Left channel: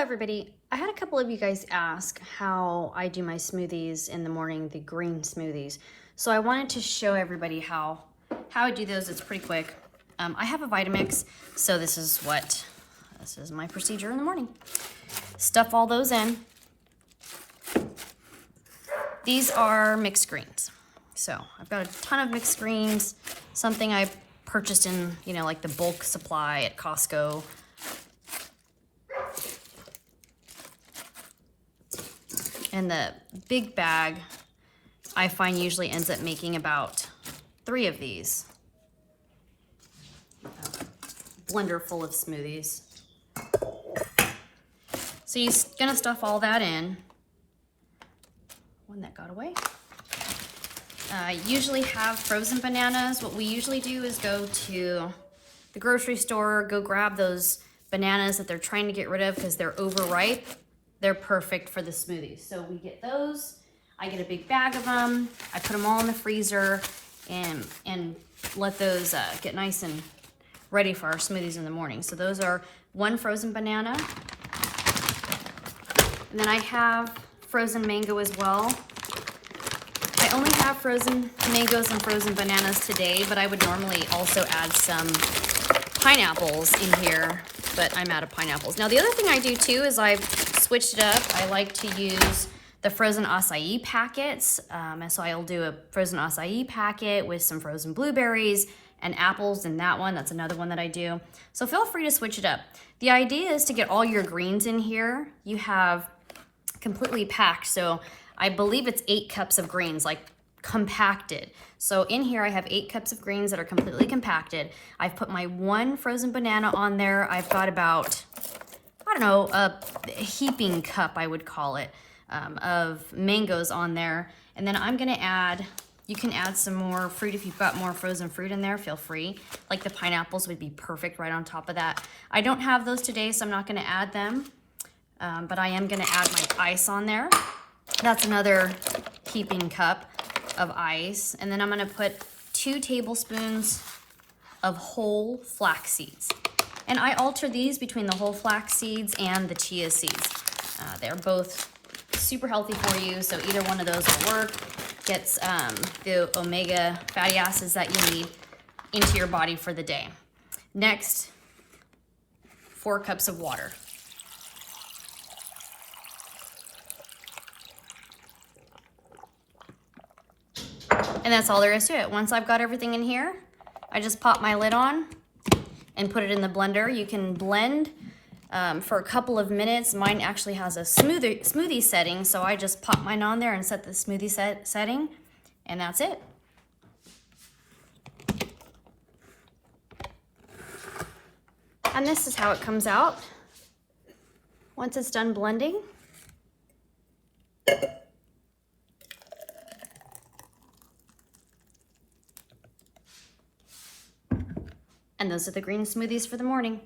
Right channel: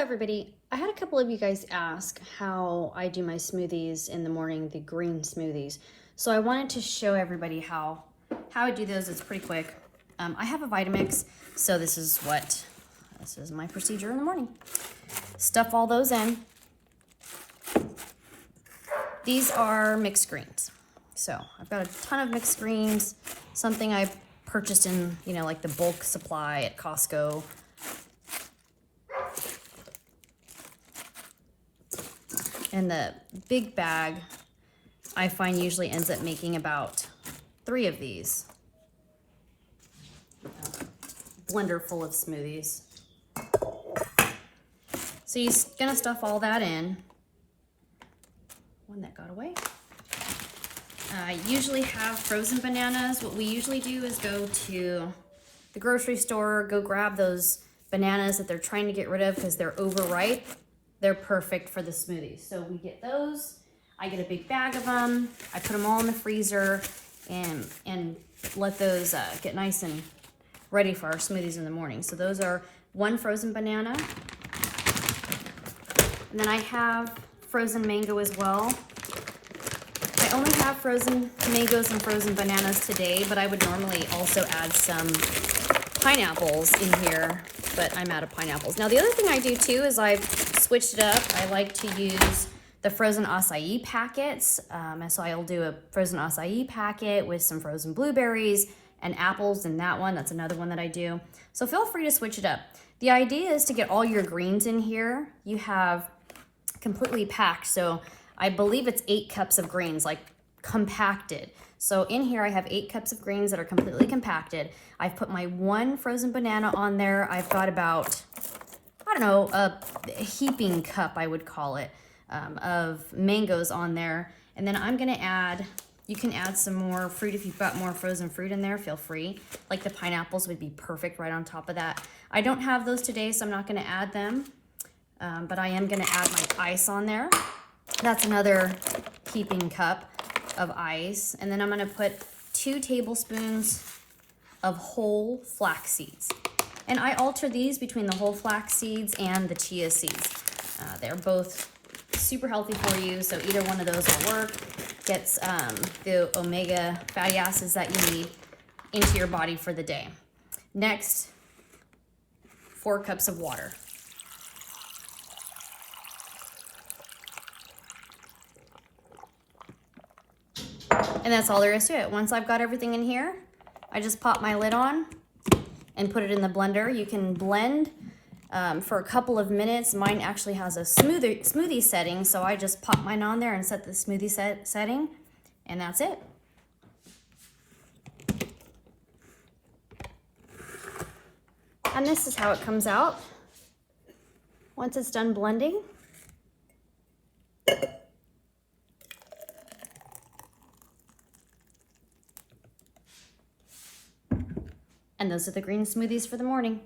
Hello everybody. I had a couple of you guys ask how I do my smoothies in the morning, the green smoothies. So I wanted to show everybody how I do those. It's pretty quick. I have a Vitamix, so this is my procedure in the morning. Stuff all those in. These are mixed greens. So I've got a ton of mixed greens, something I purchased in, like the bulk supply at Costco. And the big bag, I find usually ends up making about 3 of these. Blender full of smoothies. So you're gonna stuff all that in. One that got away. Usually have frozen bananas. What we usually do is go to the grocery store, go grab those bananas that they're trying to get rid of because they're overripe. They're perfect for the smoothies. So we get those. I get a big bag of them. I put them all in the freezer and let those get nice and ready for our smoothies in the morning. So those are 1 frozen banana. And then I have frozen mango as well. I only have frozen mangoes and frozen bananas today, but I would normally also add some pineapples in here, but I'm out of pineapples. Now the other thing I do too is I've switched it up. I like to use the frozen acai packets. And so I'll do a frozen acai packet with some frozen blueberries and apples in that one. That's another one that I do. So feel free to switch it up. The idea is to get all your greens in here. You have completely packed. So I believe it's 8 cups of greens, like compacted. So in here I have 8 cups of greens that are completely compacted. I've put my 1 frozen banana on there. I've got about, I don't know, a heaping cup, I would call it, of mangoes on there. And then I'm gonna add, you can add some more fruit if you've got more frozen fruit in there, feel free. Like the pineapples would be perfect right on top of that. I don't have those today, so I'm not gonna add them, but I am gonna add like ice on there. That's another heaping cup of ice. And then I'm gonna put 2 tablespoons of whole flax seeds. And I alter these between the whole flax seeds and the chia seeds. They're both super healthy for you, so either one of those will work. Gets the omega fatty acids that you need into your body for the day. Next, 4 cups of water. And that's all there is to it. Once I've got everything in here, I just pop my lid on and put it in the blender. You can blend for a couple of minutes. Mine actually has a smoothie setting, so I just pop mine on there and set the smoothie setting, and that's it. And this is how it comes out once it's done blending. And those are the green smoothies for the morning.